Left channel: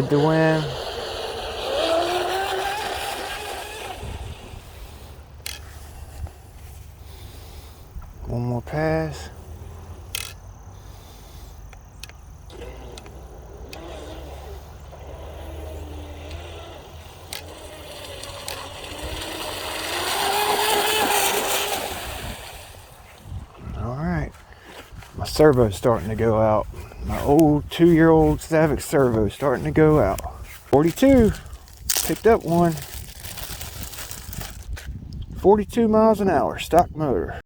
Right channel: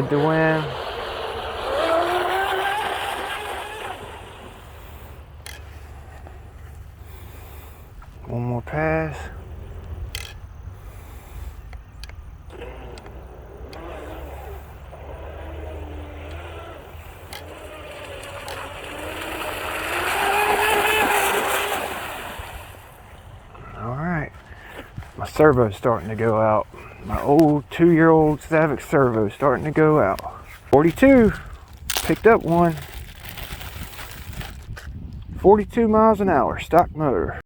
with the wind. One more pass. Alright, my servo's starting to go out. My old 2-year-old Savic servo starting to go out. 42, picked up one. 42 miles an hour, stock motor.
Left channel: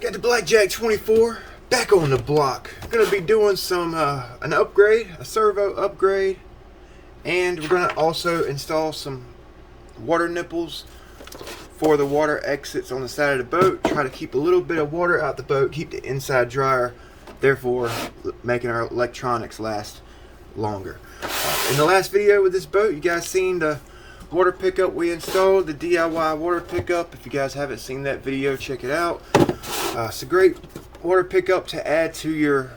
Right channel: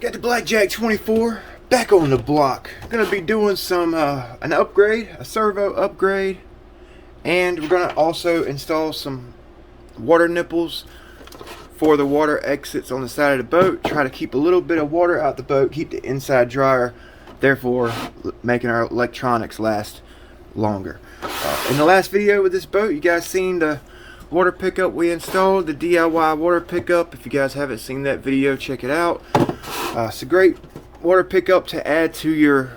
Got the Blackjack 24 back on the block. Gonna be doing some an upgrade, a servo upgrade, and we're gonna also install some water nipples for the water exits on the side of the boat. Try to keep a little bit of water out the boat, keep the inside drier, therefore making our electronics last longer. In the last video with this boat, you guys seen the water pickup we installed, the DIY water pickup. If you guys haven't seen that video, check it out. It's a great water pickup to add to your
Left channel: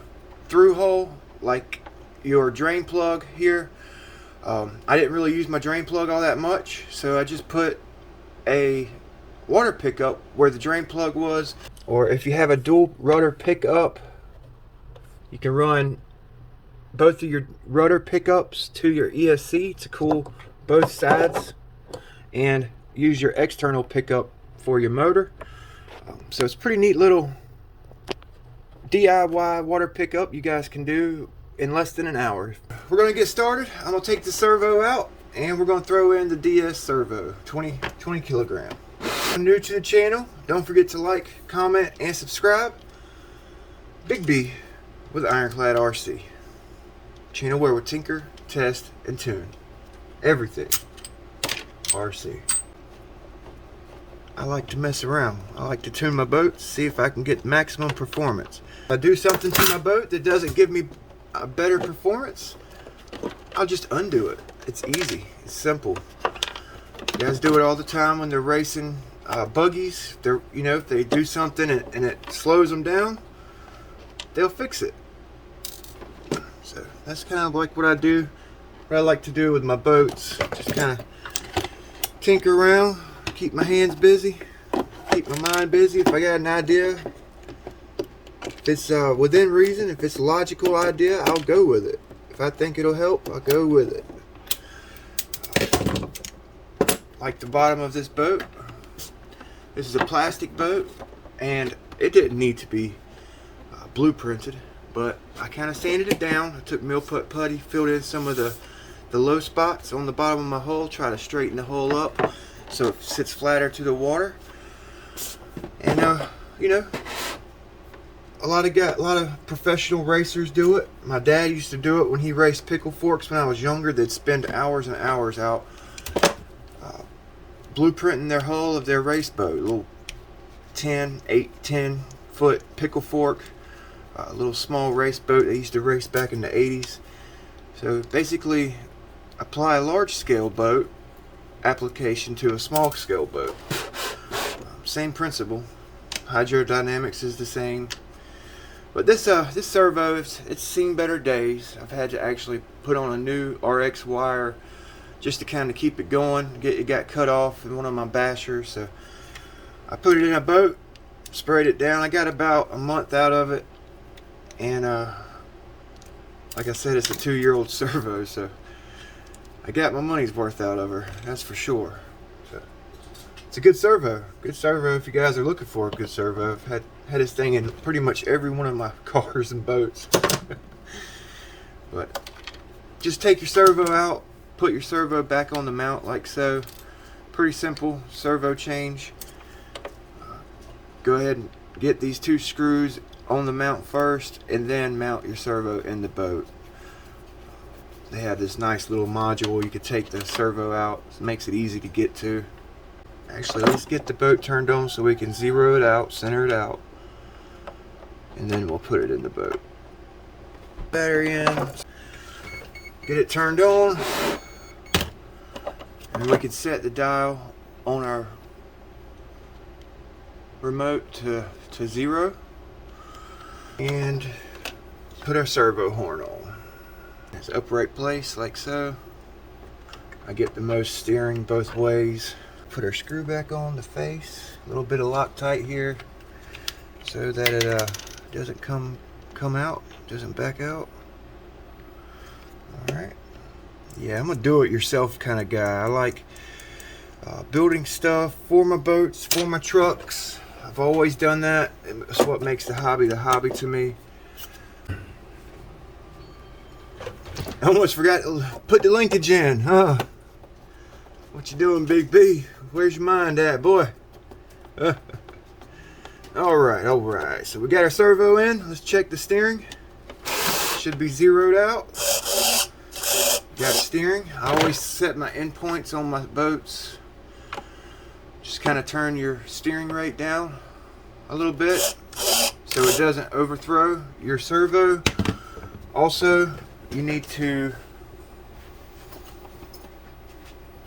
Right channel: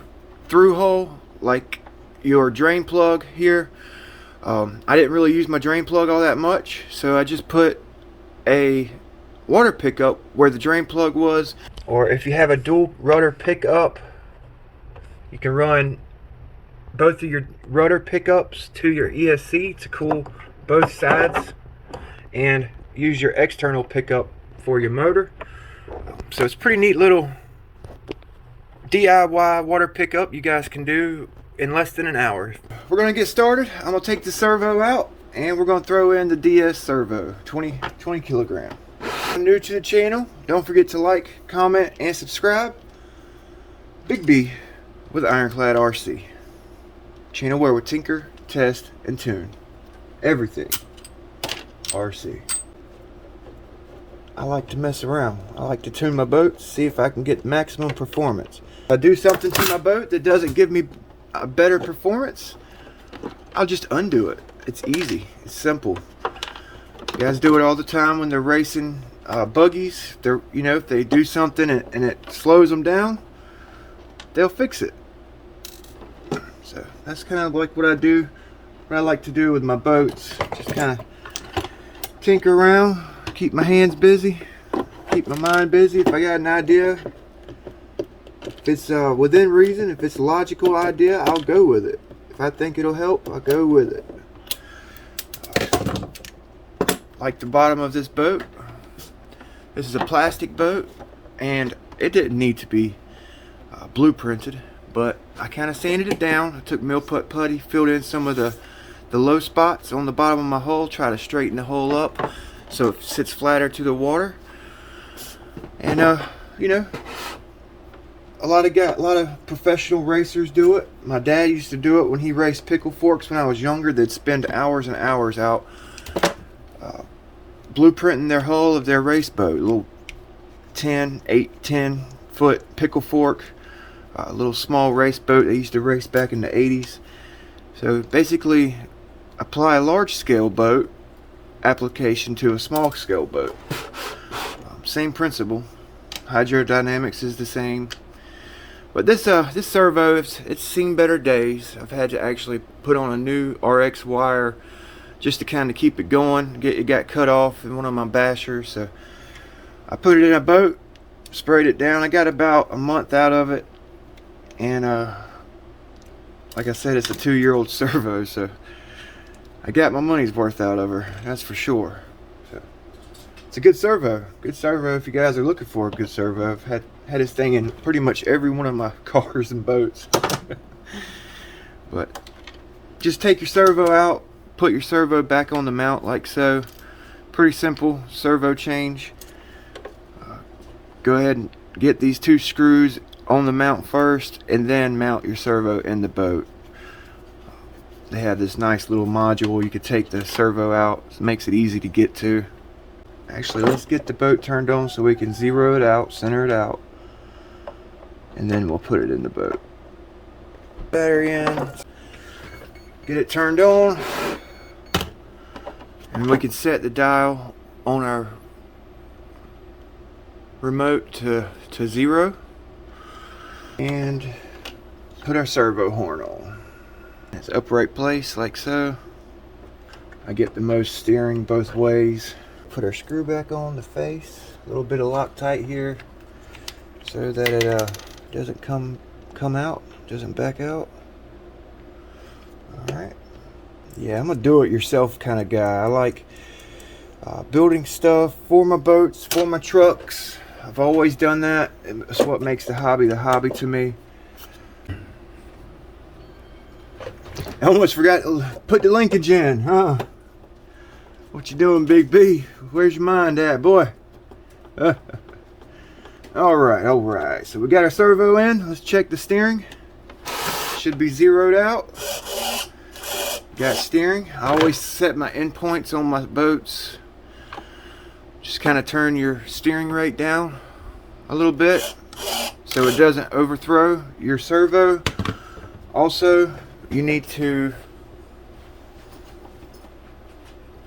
through hole, like your drain plug here. I didn't really use my drain plug all that much, so I just put a water pickup where the drain plug was. Or if you have a dual rudder pickup, you can run both of your rudder pickups to your ESC to cool both sides, and use your external pickup for your motor. So it's a pretty neat little DIY water pickup you guys can do in less than an hour. We're going to get started. I'm going to take the servo out and we're going to throw in the DS servo, 20 kilogram. If you're new to the channel, don't forget to like, comment, and subscribe. Big B with Ironclad RC. Channel where we tinker, test, and tune everything RC. I like to mess around. I like to tune my boat, see if I can get maximum performance. If I do something to my boat that doesn't give me a better performance, I'll just undo it. It's easy. It's simple. You guys do it all the time when they're racing buggies. They're, you know, if they do something and it slows them down, they'll fix it. So that's kind of like what I do. What I like to do with my boats. Just kind of tinker around, keep my hands busy, keep my mind busy. If I got an idea, if it's within reason, if it's a logical idea, I'll go with it. If I think it'll help, I'll go with it. Like the bottom of this boat. This is a plastic boat, and it didn't need to be blueprinted, but I kind of sanded it down. I took mill putty, filled in some of the low spots on the bottom of my hull, try to straighten the hull up so it sits flatter to the water. And you know, a lot of professional racers do it. My dad used to do it when he raced pickle forks when I was younger. They'd spend hours and hours out blueprinting their hull of their race boat. A little 10 foot pickle fork, a little small race boat they used to race back in the 80s. So basically apply a large scale boat application to a small scale boat. Same principle. Hydrodynamics is the same. But this servo, it's seen better days. I've had to actually put on a new RX wire just to kind of keep it going. It got cut off in one of my bashers, so I put it in a boat, sprayed it down. I got about a month out of it, and like I said, it's a 2-year-old servo, so I got my money's worth out of her, that's for sure. So it's a good servo. Good servo if you guys are looking for a good servo. I've had this thing in pretty much every one of my cars and boats. But just take your servo out, put your servo back on the mount like so. Pretty simple servo change. Go ahead and get these 2 screws on the mount first, and then mount your servo in the boat. They have this nice little module you could take the servo out. It makes it easy to get to. Actually, let's get the boat turned on so we can zero it out, center it out, and then we'll put it in the boat. Battery in, get it turned on, and we can set the dial on our remote to 0 and put our servo horn on. It's upright place like so. I get the most steering both ways. Put our screw back on the face. A little bit of Loctite here so that it doesn't come out, doesn't back out. All right. Yeah, I'm a do-it-yourself kind of guy. I like building stuff for my boats, for my trucks. I've always done that. It's what makes the hobby to me. I almost forgot to put the linkage in, huh? What you doing, Big B? Where's your mind at, boy? All right. So we got our servo in. Let's check the steering. Should be zeroed out. Got steering. I always set my endpoints on my boats. Just kind of turn your steering rate down a little bit so it doesn't overthrow your servo. Also, you need to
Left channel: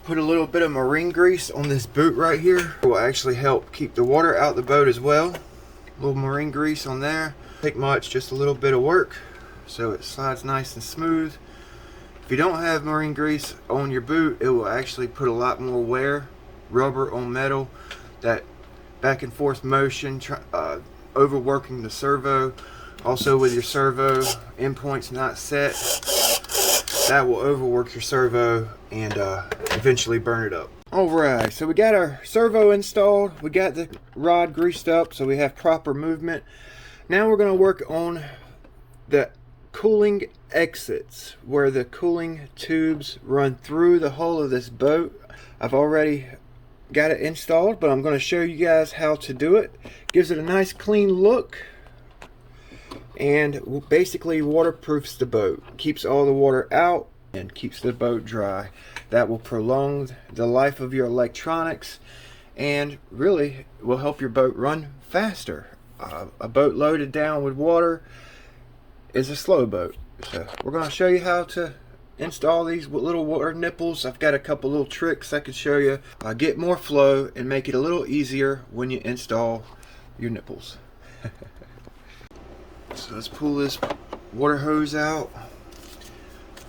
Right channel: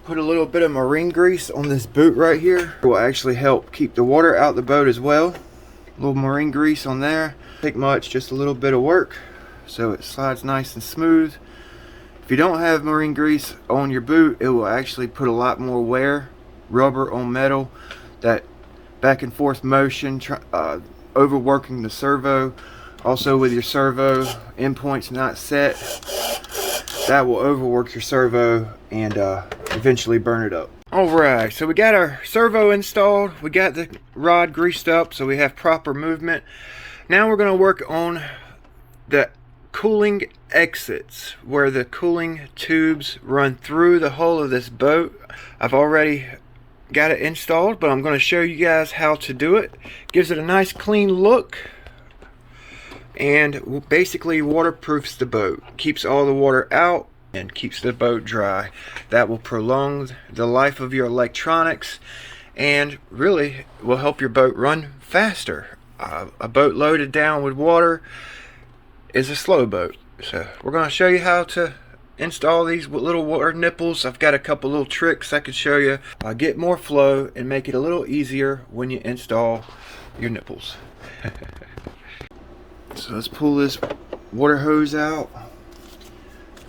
put a little bit of marine grease on this boot right here. It will actually help keep the water out the boat as well. A little marine grease on there. Take much, just a little bit of work so it slides nice and smooth. If you don't have marine grease on your boot, it will actually put a lot more wear, rubber on metal, that back and forth motion, overworking the servo. Also with your servo endpoints not set, that will overwork your servo and eventually burn it up. Alright, so we got our servo installed, we got the rod greased up so we have proper movement. Now we're going to work on the cooling exits, where the cooling tubes run through the hull of this boat. I've already got it installed, but I'm going to show you guys how to do it. Gives it a nice clean look and basically waterproofs the boat, keeps all the water out and keeps the boat dry. That will prolong the life of your electronics and really will help your boat run faster. A boat loaded down with water is a slow boat. So we're going to show you how to install these little water nipples. I've got a couple little tricks I can show you. Get more flow and make it a little easier when you install your nipples. So let's pull this water hose out.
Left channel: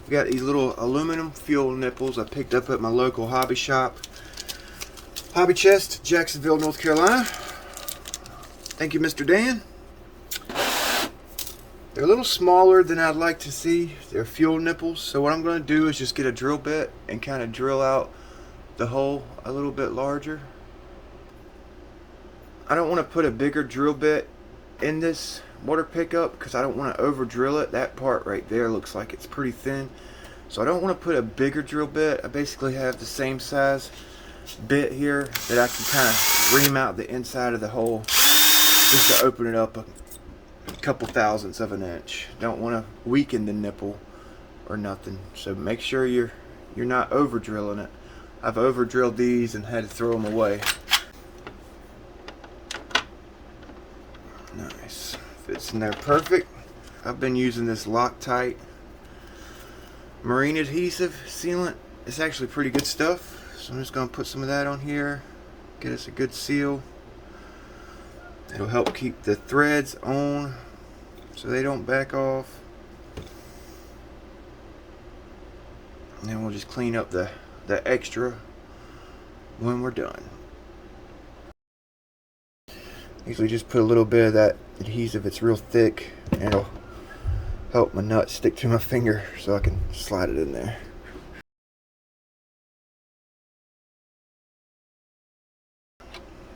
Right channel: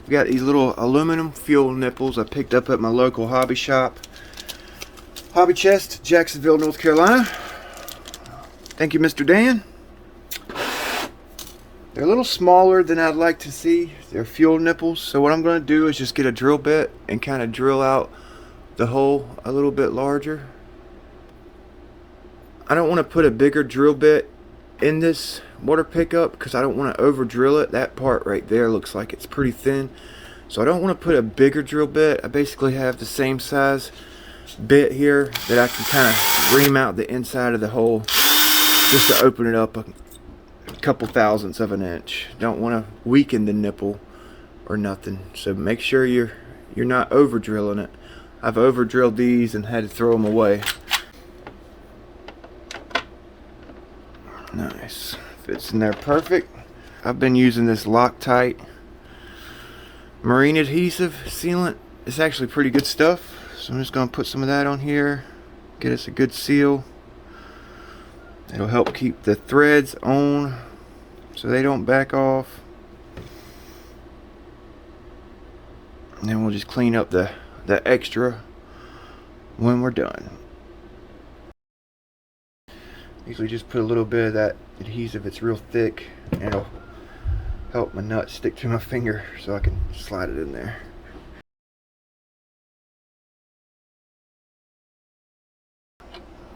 I've got these little aluminum fuel nipples I picked up at my local hobby shop. Hobby Chest, Jacksonville, North Carolina. Thank you, Mr. Dan. They're a little smaller than I'd like to see. They're fuel nipples. So what I'm going to do is just get a drill bit and kind of drill out the hole a little bit larger. I don't want to put a bigger drill bit in this water pickup because I don't want to over drill it. That part right there looks like it's pretty thin. So I don't want to put a bigger drill bit. I basically have the same size bit here that I can kind of ream out the inside of the hole just to open it up a couple thousandths of an inch. Don't want to weaken the nipple or nothing. So make sure you're not over drilling it. I've over drilled these and had to throw them away. Nice. Fits in there perfect. I've been using this Loctite marine adhesive sealant. It's actually pretty good stuff. So I'm just going to put some of that on here. Get us a good seal. It'll help keep the threads on so they don't back off. And then we'll just clean up the extra when we're done. Usually just put a little bit of that adhesive. It's real thick and it'll help my nut stick to my finger so I can slide it in there.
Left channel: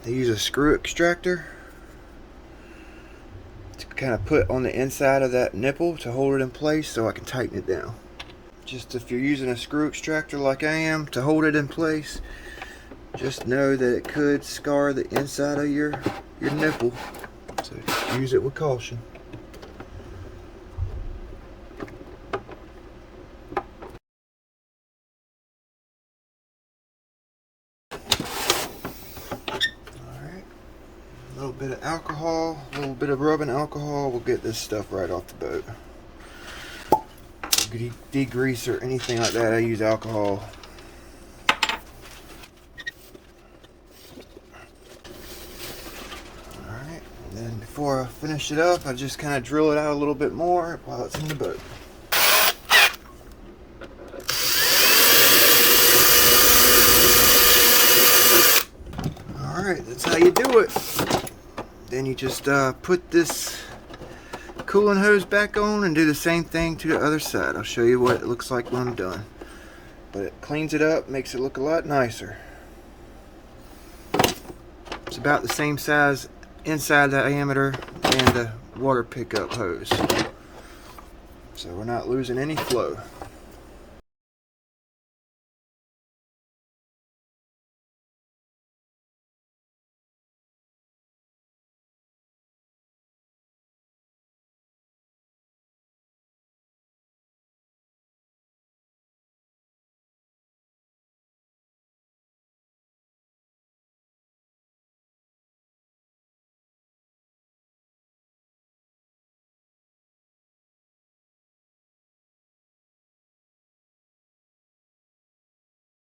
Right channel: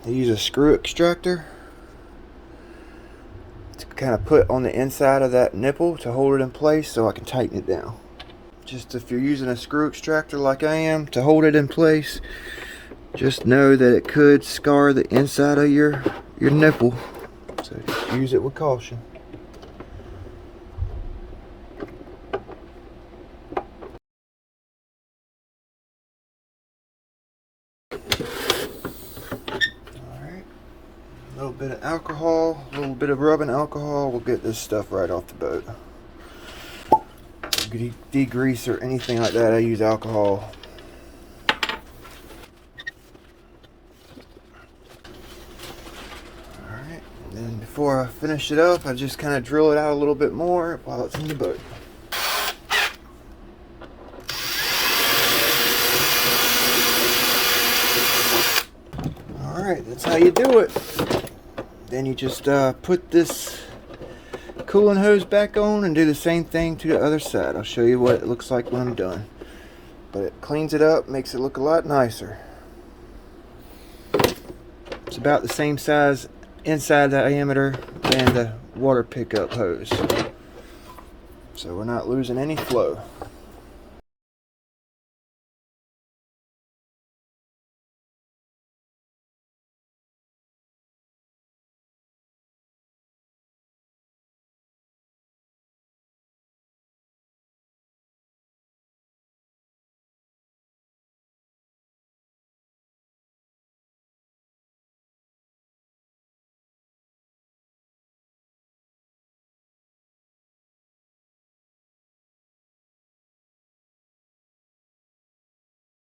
I use a screw extractor to kind of put on the inside of that nipple to hold it in place so I can tighten it down. Just if you're using a screw extractor like I am to hold it in place, just know that it could scar the inside of your nipple. So just use it with caution. A little bit of alcohol, a little bit of rubbing alcohol will get this stuff right off the boat. Degrease or anything like that, I use alcohol. before I finish it up, I just kind of drill it out a little bit more while it's in the boat. Alright, that's how you do it. Then you just put this cooling hose back on and do the same thing to the other side. I'll show you what it looks like when I'm done. But it cleans it up, makes it look a lot nicer. It's about the same size inside diameter and the water pickup hose. So we're not losing any flow.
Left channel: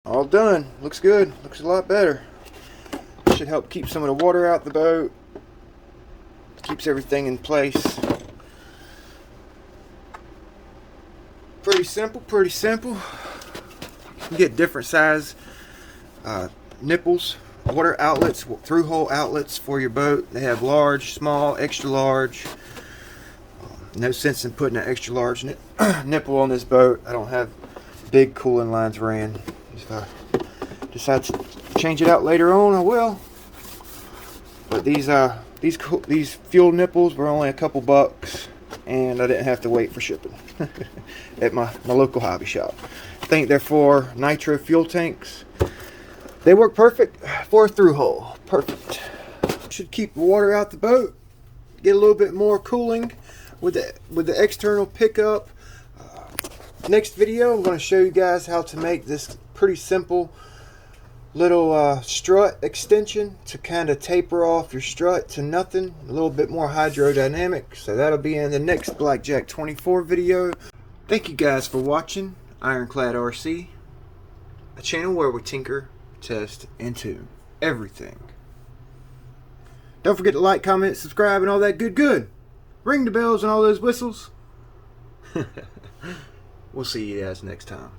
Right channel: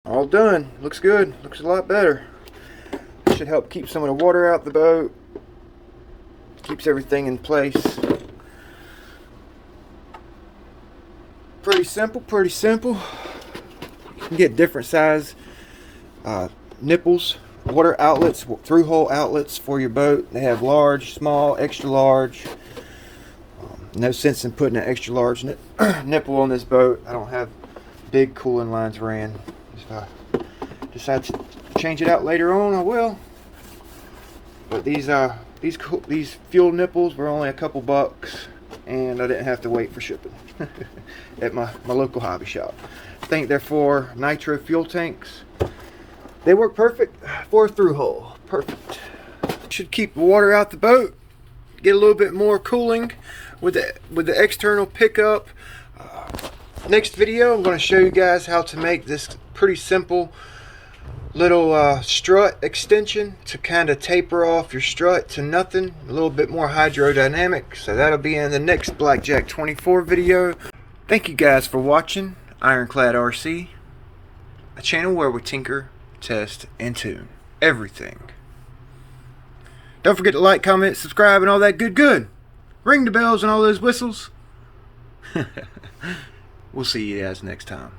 All done. Looks good. Looks a lot better. Should help keep some of the water out the boat. Keeps everything in place. Pretty simple, pretty simple. You get different size nipples, water outlets, through-hole outlets for your boat. They have large, small, extra large. No sense in putting an extra large nipple on this boat. I don't have big cooling lines ran. If I decide to change it out later on, I will. But these fuel nipples were only a couple bucks, and I didn't have to wait for shipping at my local hobby shop. I think they're for nitro fuel tanks. They work perfect for a through hole. Perfect. Should keep the water out the boat. Get a little bit more cooling with the external pickup. Next video, I'm going to show you guys how to make this pretty simple little strut extension to kind of taper off your strut to nothing. A little bit more hydrodynamic. So that'll be in the next Blackjack 24 video. Thank you guys for watching Ironclad RC, a channel where we tinker, test, and tune everything. Don't forget to like, comment, subscribe, and all that good. Ring the bells and all those whistles. We'll see you guys next time.